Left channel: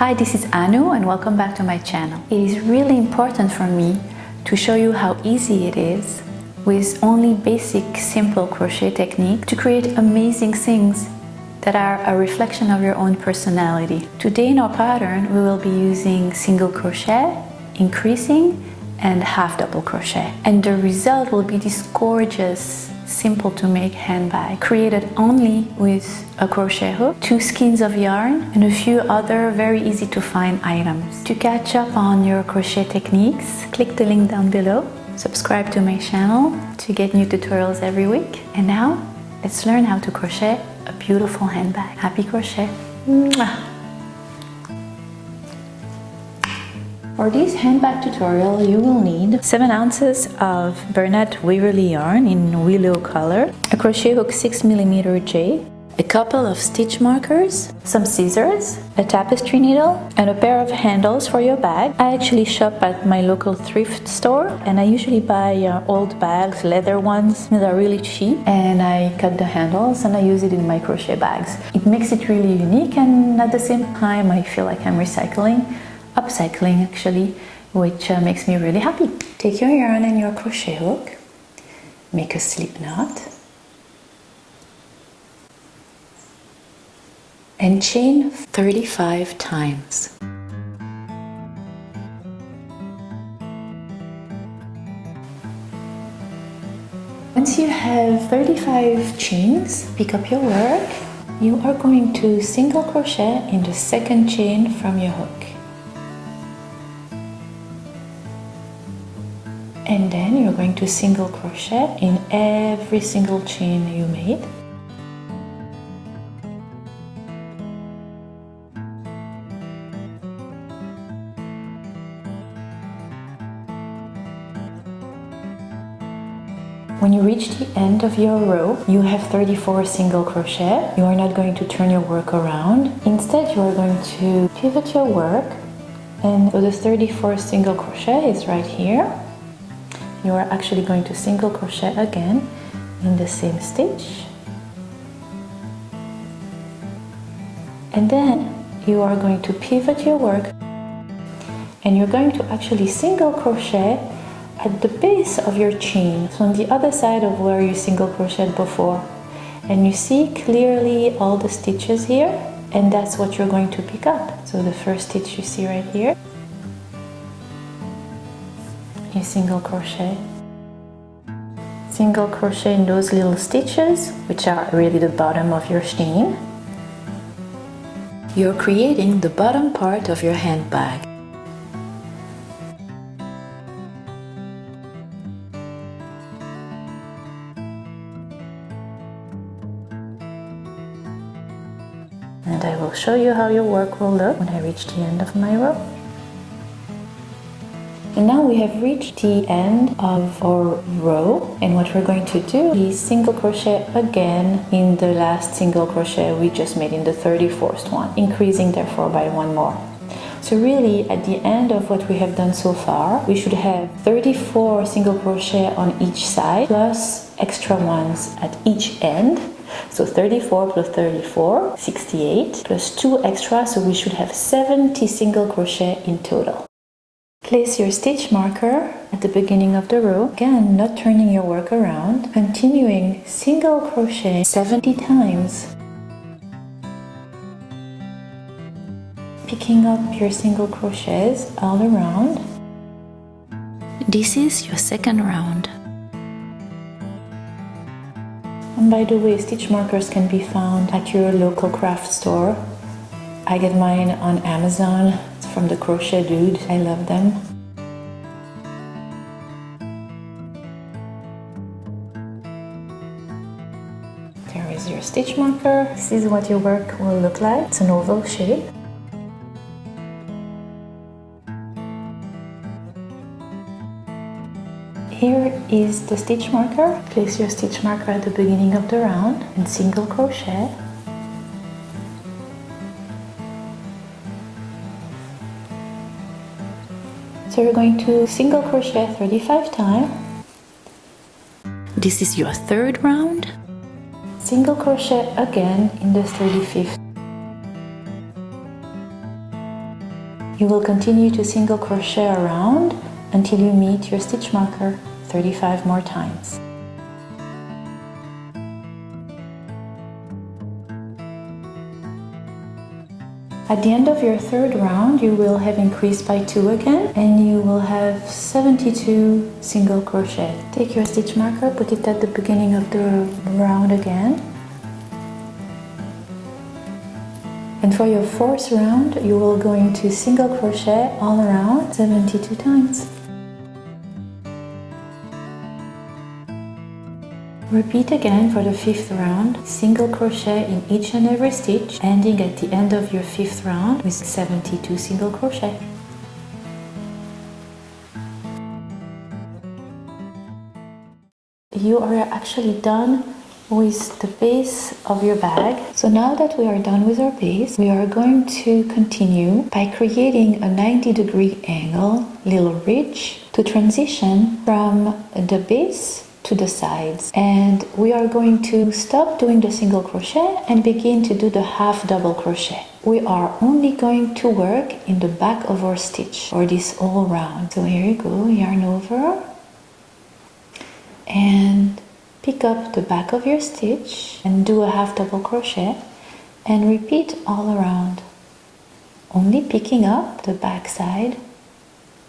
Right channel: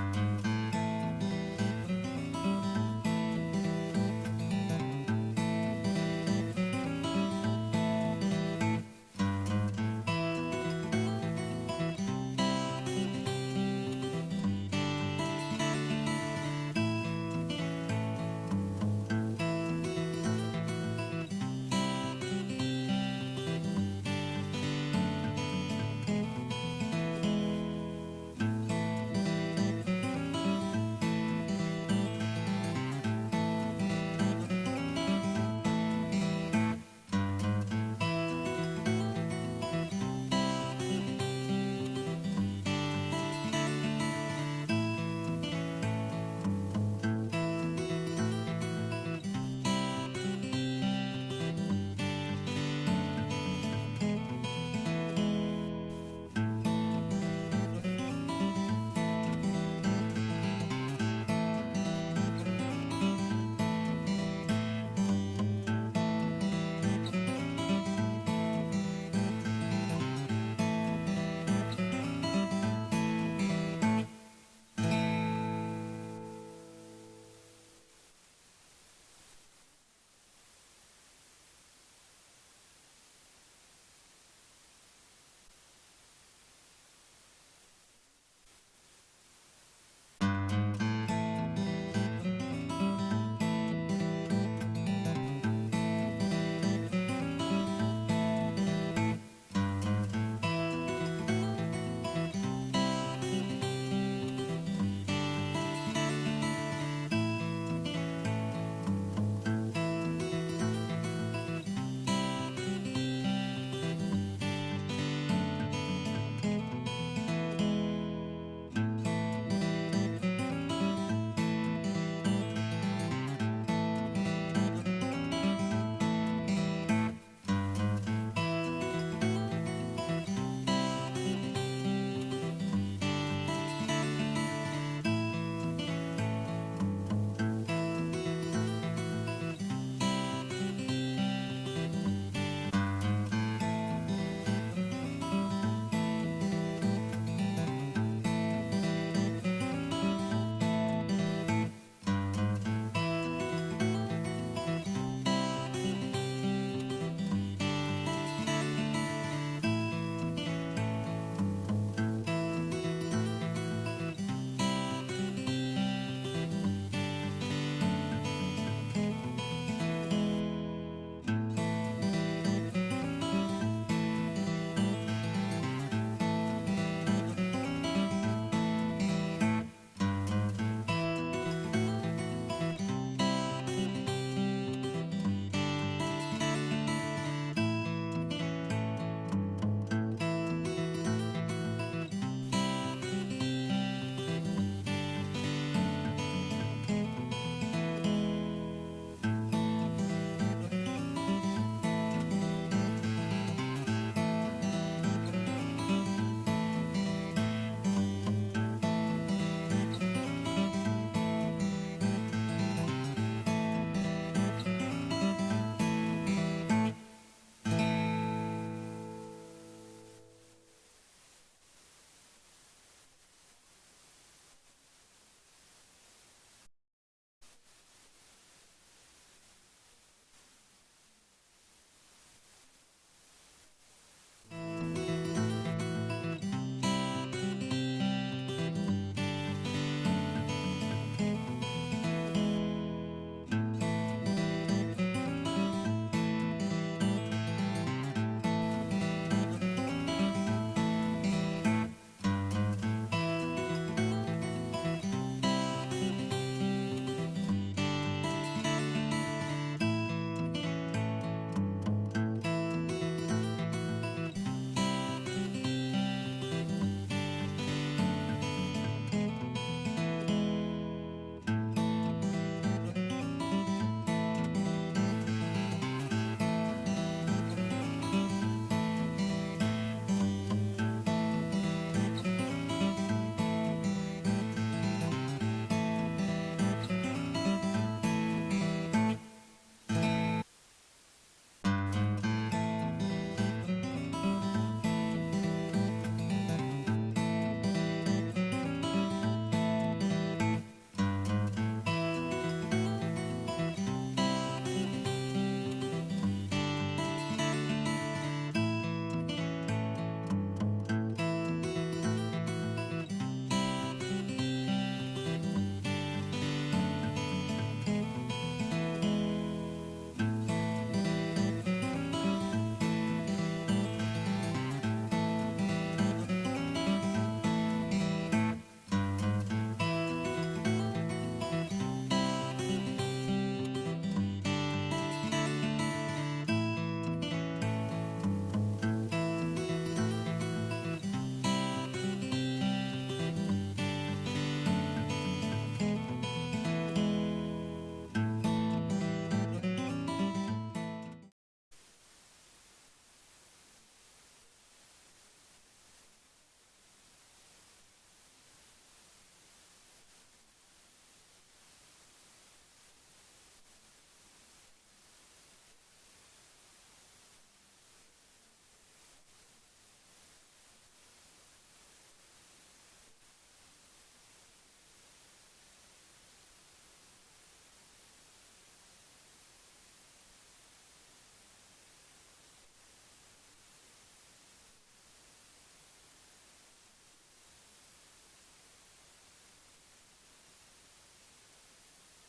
Hi, this is Anu and welcome back to my channel. It is really important for me to show you how easy it is with only basic simple crochet technique to create amazing things that are a reflection of your own personality. Today in our pattern we will be using single crochet, increasing and half double crochet, and the result will be this gorgeous simple to make handbag created only with a crochet hook, 2 skeins of yarn and a few other very easy to find items. To catch up on your crochet techniques, click the link down below, subscribe to my channel to get new tutorials every week, and now let's learn how to crochet a beautiful handbag. Happy crochet! Mwah. For this handbag tutorial, you will need 7 ounces of Bernat Waverly yarn in willow color, a crochet hook 6mm J, a couple of stitch markers, some scissors, a tapestry needle, and a pair of handles for your bag. I actually shop at my local thrift store and I usually buy old bags, leather ones that are really cheap, and I cut the handles and I use it in my crochet bags. It makes it really unique, and at the same time I feel like I'm upcycling actually, which makes me really happy. Take your yarn and your crochet hook, make a slip knot, and chain 35 times. Once you have 35 chains, pick up your work. You are going to single crochet in the second chain from your hook. And then you're going to single crochet in every single chain you made. When you reach the end of your row, you have 34 single crochet. You are not going to turn your work around. Instead, you are going to pivot your work, and so the 34 single crochet is right here. You are actually going to single crochet again in the same stitch, and then you are going to pivot your work and you're going to actually single crochet at the base of your chain, so on the other side of where you single crocheted before, and you see clearly all the stitches here, and that's what you're going to pick up. So the first stitch you see right here, you single crochet in those little stitches, which are really the bottom of your chain. You're creating the bottom part of your handbag. And I will show you how your work will look when I reach the end of my row. And now we have reached the end of our row, and what we're going to do is single crochet again in the last single crochet we just made in the 34th one, increasing therefore by 1 more. So really at the end of what we have done so far, we should have 34 single crochet on each side plus extra ones at each end. So 34 plus 34, 68, plus 2 extra, so we should have 70 single crochet in total. Place your stitch marker at the beginning of the row, again not turning your work around, continuing single crochet 70 times, picking up your single crochets all around. This is your second round. And by the way, stitch markers can be found at your local craft store. I get mine on Amazon. From the Crochet Dude. I love them. There is your stitch marker. This is what your work will look like. It's an oval shape. Here is the stitch marker. Place your stitch marker at the beginning of the round and single crochet. So you're going to single crochet 35 times. This is your third round. Single crochet again in the 35th. You will continue to single crochet around until you meet your stitch marker 35 more times. At the end of your third round, you will have increased by 2 again, and you will have 72 single crochet. Take your stitch marker, put it at the beginning of the round again. And for your fourth round, you will go into single crochet all around 72 times. Repeat again for the fifth round, single crochet in each and every stitch, ending at the end of your fifth round with 72 single crochet. You are actually done with the base of your bag. So now that we are done with our base, we are going to continue by creating a 90-degree angle, little ridge, to transition from the base to the sides. And we are going to stop doing the single crochet and begin to do the half double crochet. We are only going to work in the back of our stitch for this whole round. So here you go, yarn over and pick up the back of your stitch and do a half double crochet and repeat all around, only picking up the back side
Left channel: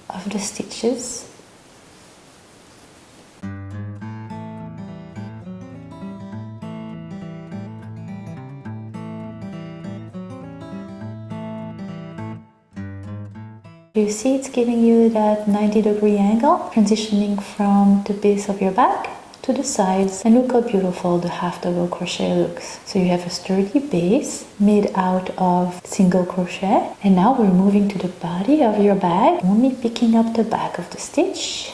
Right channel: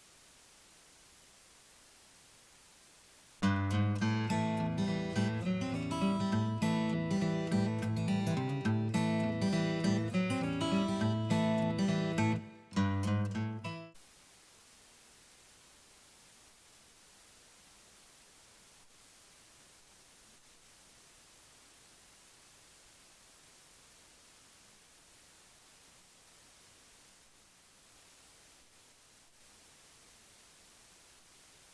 of the stitches. You see it's giving you that 90-degree angle, transitioning from the base of your back to the sides, and look how beautiful the half double crochet looks. So you have a sturdy base made out of single crochet, and now we're moving to the body of your bag, only picking up the back of the stitch.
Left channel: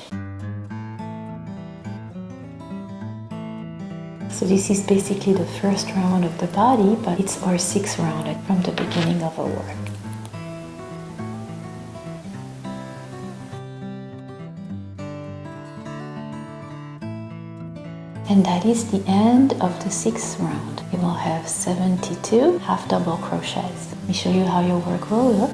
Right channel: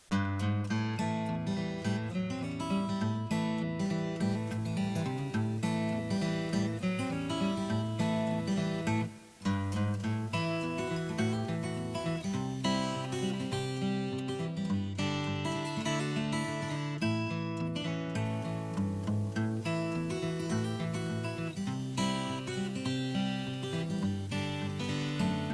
So this is basically the first round of the body, but it's our sixth round from the beginning of our work. And that is the end of the sixth round. You will have 72 half double crochets. Let me show you how your work will look.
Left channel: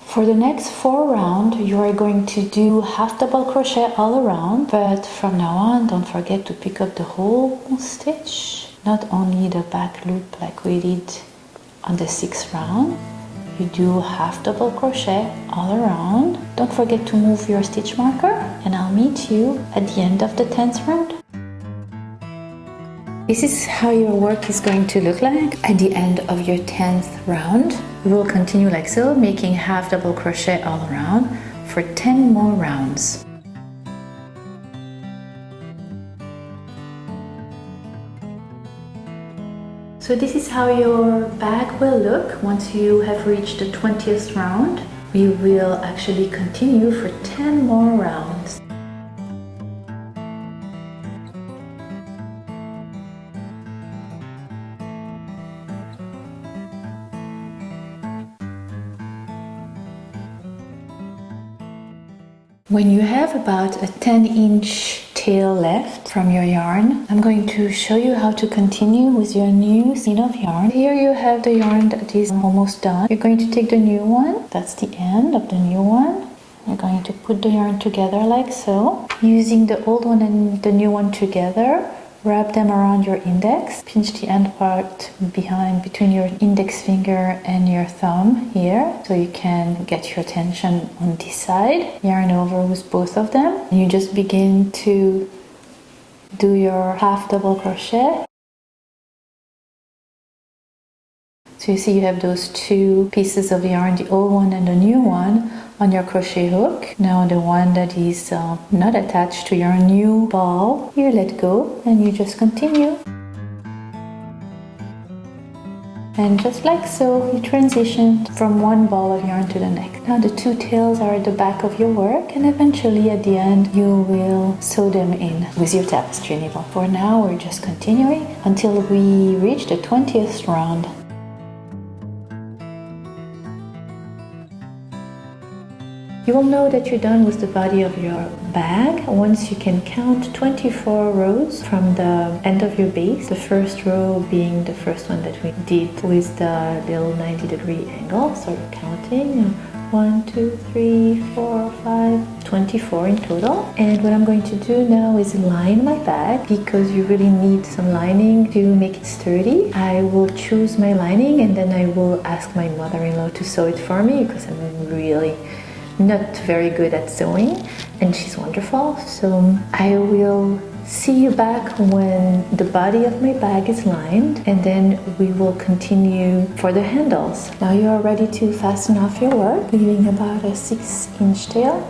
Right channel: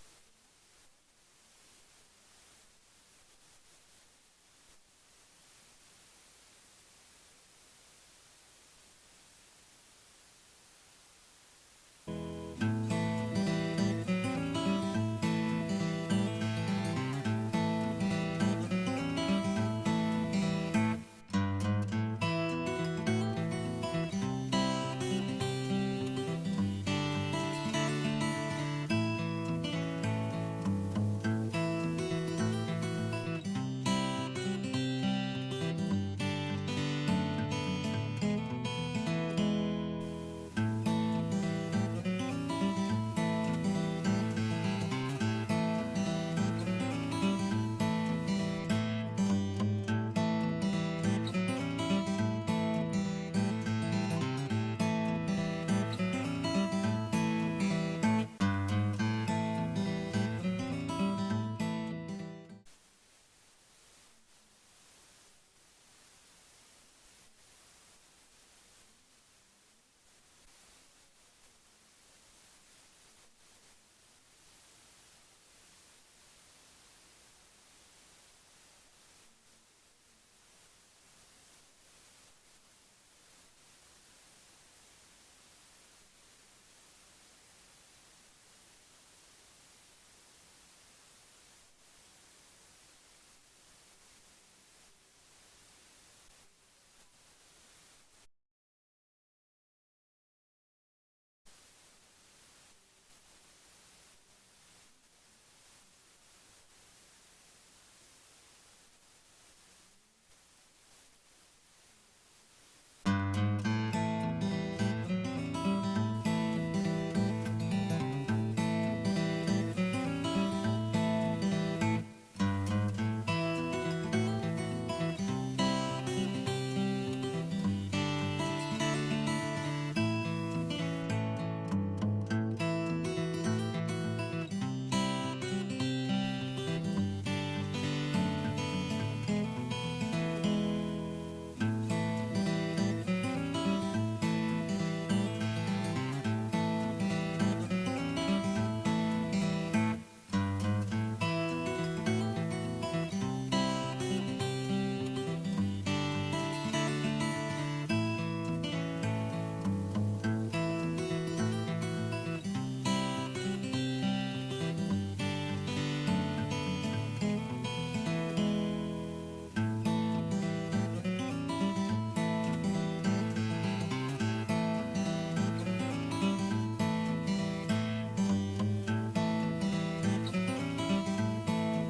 For the next 4 rounds, you are going to do half double crochet all around, but from now on, don't forget to pick up the whole stitch, not only the back loop like we did on the 6th round. You do half double crochet all around. Don't forget to move your stitch marker, and I'll meet you at the end of the 10th round. This is how your work is going to look like at the end of your 10th round. You will continue like so, making half double crochet all around for 10 more rounds. So this is how your bag will look once you have reached the 20th round. We will actually continue for 10 more rounds. When you have about a 10-inch tail left from your yarn, I'm going to show you how to continue with your new skein of yarn. Here you have the yarn that is almost done. You're going to take the new one, that's the end of the new one. You're going to put the yarn together like so. Using the old one and the new one together, wrap them around your index, pinch the end part between your index finger and your thumb here, so you can get your tension on this side. Yarn over with both of them, and you just begin to do your half double crochet. So you see you have those two pieces of yarn, the old one and the new one, on your crochet hook. Now the one that is not attached to your new ball, you let go and you just continue. And just like so, you transition from one ball of yarn to the next. Now the two tails are at the back of your work, and eventually at the end you will sew them in with your tapestry needle. For now we're just continuing until we reach the 20th round. You will know that you're done with the body of your bag once you can count 24 rows from the end of your base. The first row being the first one that we did with the little 90-degree angle. So you're counting 1, 2, 3, 4, 5, 24 in total. And what I'm going to do now is line my bag because you really need some lining to make it sturdy. I will choose my lining and then I will ask my mother-in-law to sew it for me because I'm really not very good at sewing and she's wonderful. So I will see you back when the body of my bag is lined and then we will continue for the handles. Now you are ready to fasten off your work, leaving about a 6-inch tail.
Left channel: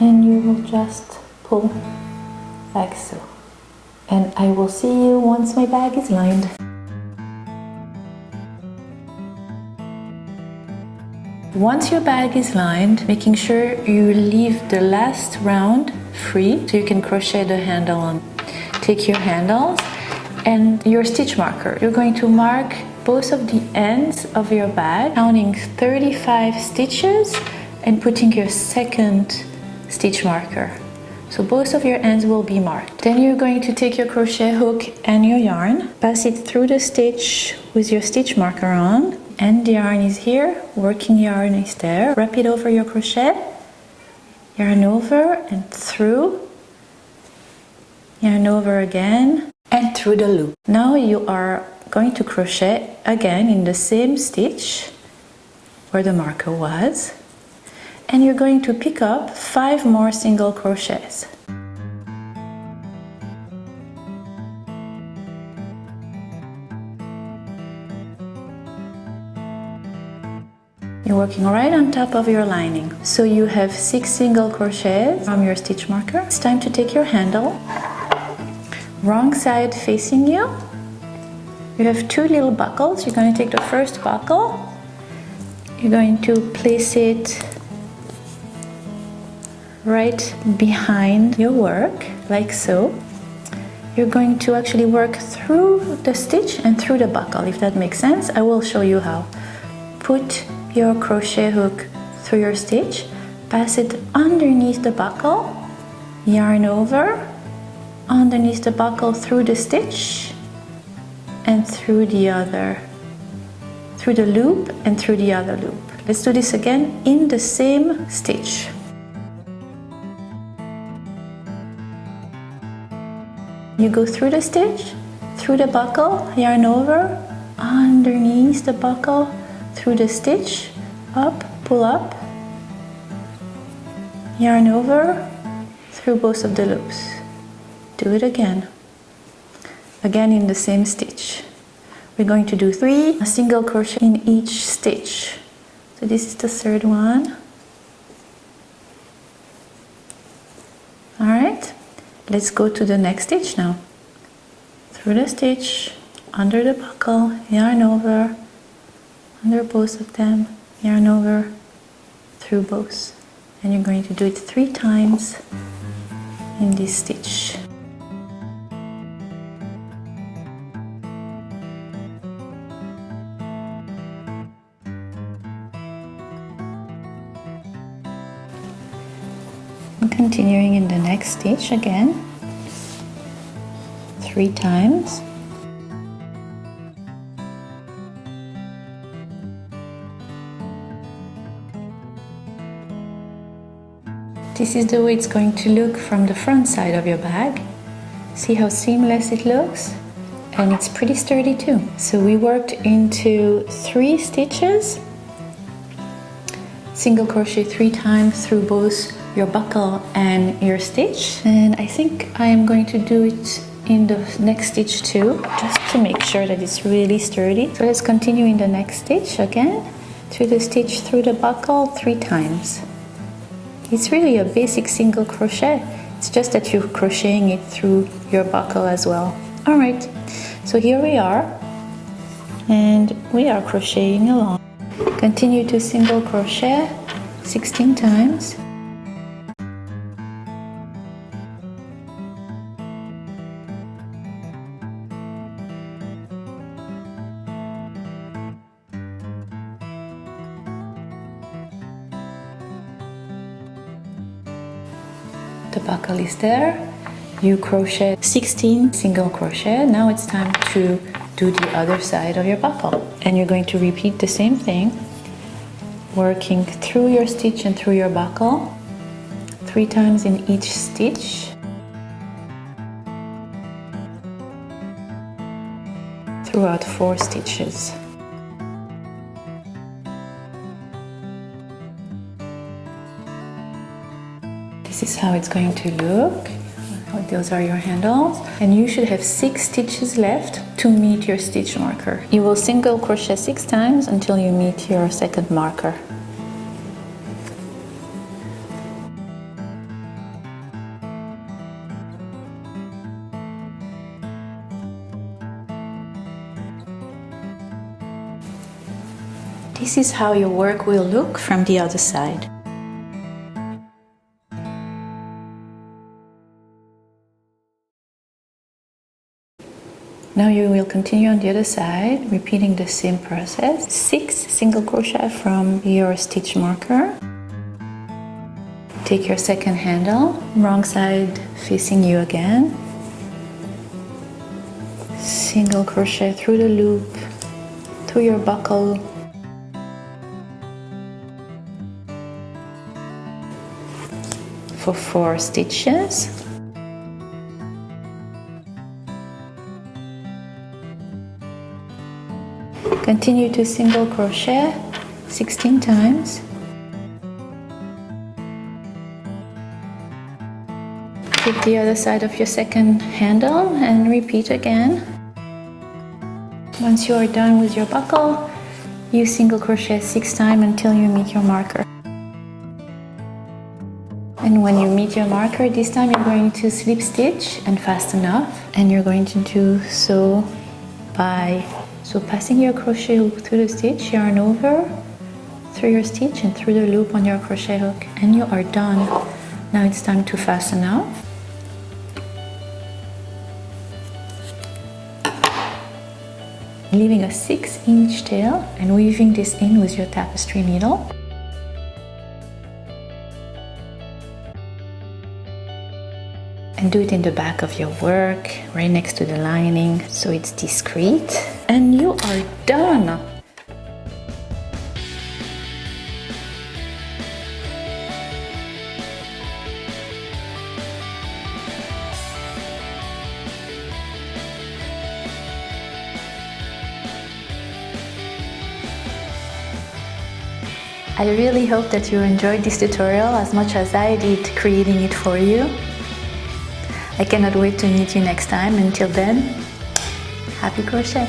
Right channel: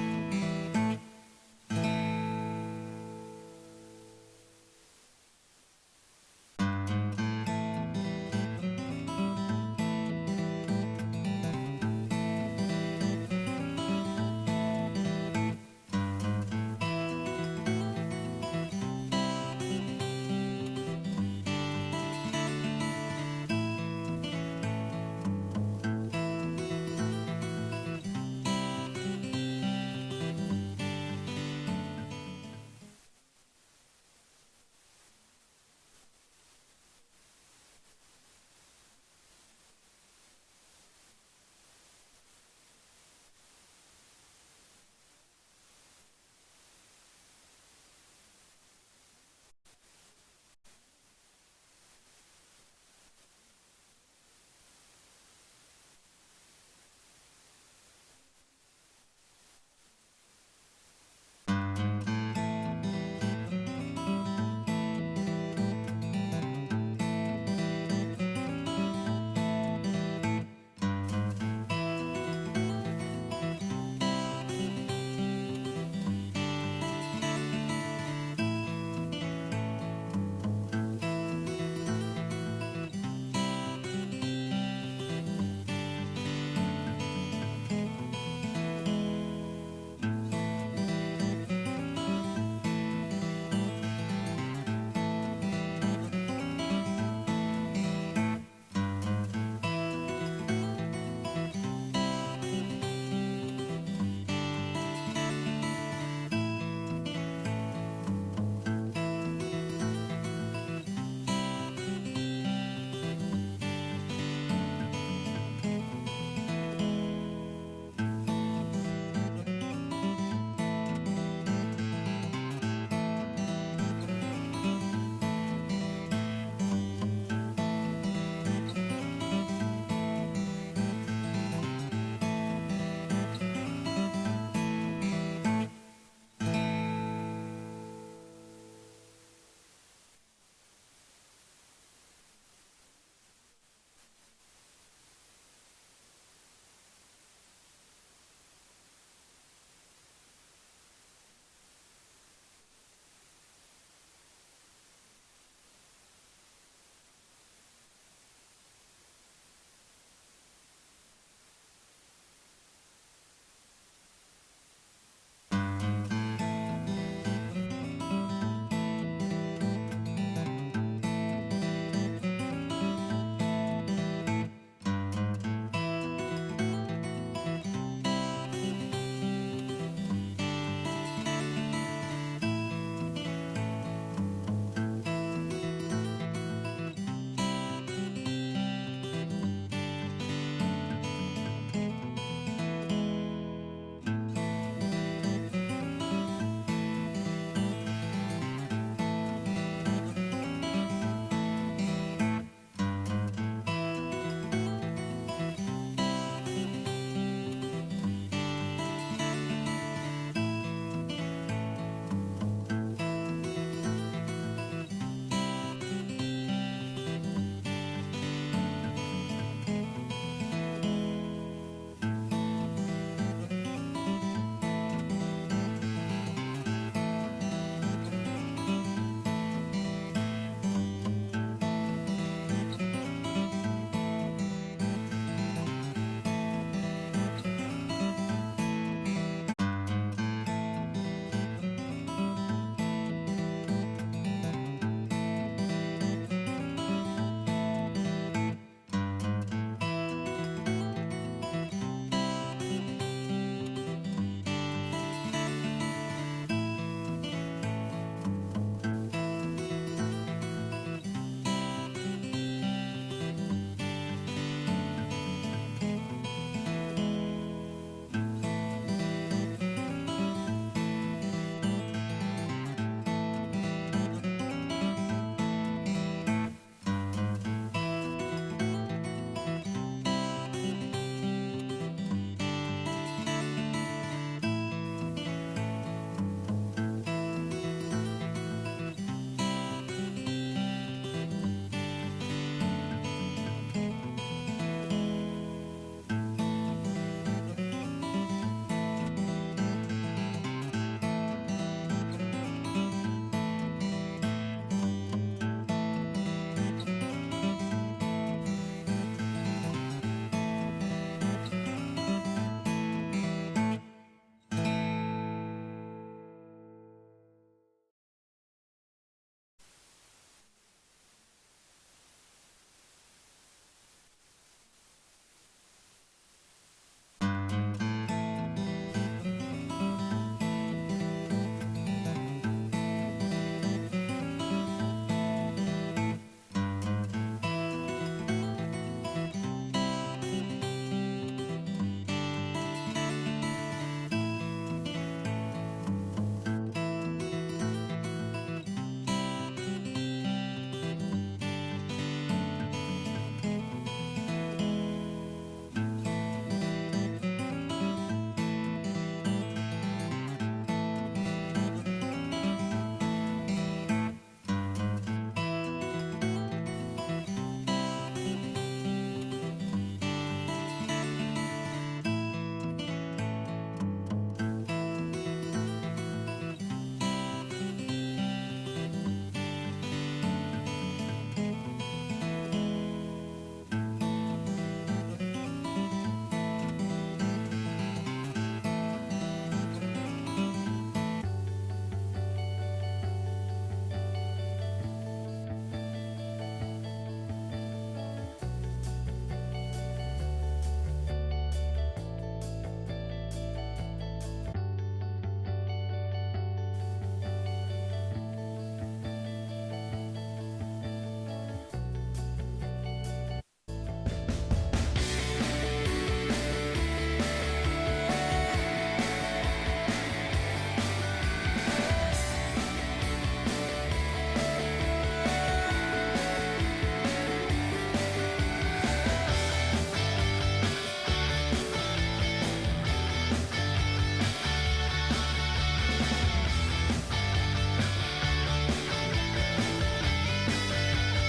And you will just pull like so. And I will see you once my bag is lined. Once your bag is lined, making sure you leave the last round free so you can crochet the handle on. Take your handles and your stitch marker. You're going to mark both of the ends of your bag, counting 35 stitches and putting your second stitch marker. So both of your ends will be marked. Then you're going to take your crochet hook and your yarn, pass it through the stitch with your stitch marker on, and the yarn is here, working yarn is there. Wrap it over your crochet, yarn over and through, yarn over again and through the loop. Now you are going to crochet again in the same stitch where the marker was, and you're going to pick up 5 more single crochets. You're working right on top of your lining. So you have 6 single crochets from your stitch marker. It's time to take your handle, wrong side facing you. You have 2 little buckles. You're going to take the first buckle. You're going to place it right behind your work, like so. You're going to actually work through the stitch and through the buckle, if that makes sense. I will show you how. Put your crochet hook through your stitch, pass it underneath the buckle, yarn over, underneath the buckle through the stitch, and through the other, through the loop and through the other loop. Let's do this again in the same stitch. You go through the stitch, through the buckle, yarn over, underneath the buckle, through the stitch, up, pull up, yarn over, through both of the loops. Do it again. Again in the same stitch. We're going to do 3 single crochet in each stitch. So this is the third one. All right, let's go to the next stitch now. Through the stitch, under the buckle, yarn over, under both of them, yarn over, through both. And you're going to do it 3 times in this stitch. And continuing in the next stitch again, 3 times. This is the way it's going to look from the front side of your bag. See how seamless it looks? And it's pretty sturdy too. So we worked into 3 stitches, single crochet 3 times through both your buckle and your stitch. And I think I am going to do it in the next stitch too, just to make sure that it's really sturdy. So let's continue in the next stitch again, through the stitch, through the buckle 3 times. It's really a basic single crochet. It's just that you're crocheting it through your buckle as well. All right, so here we are, and we are crocheting along. Continue to single crochet 16 times. the buckle is there. You crochet 16 single crochet. Now it's time to do the other side of your buckle. And you're going to repeat the same thing, working through your stitch and through your buckle 3 times in each stitch. Throughout 4 stitches. This is how it's going to look. Those are your handles, and you should have 6 stitches left to meet your stitch marker. You will single crochet 6 times until you meet your second marker. This is how your work will look from the other side. Now you will continue on the other side, repeating the same process. 6 single crochet from your stitch marker. Take your second handle, wrong side facing you again. Single crochet through the loop, through your buckle. For 4 stitches. Continue to single crochet 16 times. Take the other side of your second handle and repeat again. Once you are done with your buckle, you single crochet 6 times until you meet your marker. And when you meet your marker, this time you're going to slip stitch and fasten up, and you're going to do so by passing your crochet hook through the stitch, yarn over, through your stitch and through the loop on your crochet hook, and you are done. Now it's time to fasten up. Leaving a 6-inch tail and weaving this in with your tapestry needle. And do it in the back of your work, right next to the lining, so it's discreet. And you are done! I really hope that you enjoyed this tutorial as much as I did creating it for you. I cannot wait to meet you next time. Until then, happy crochet!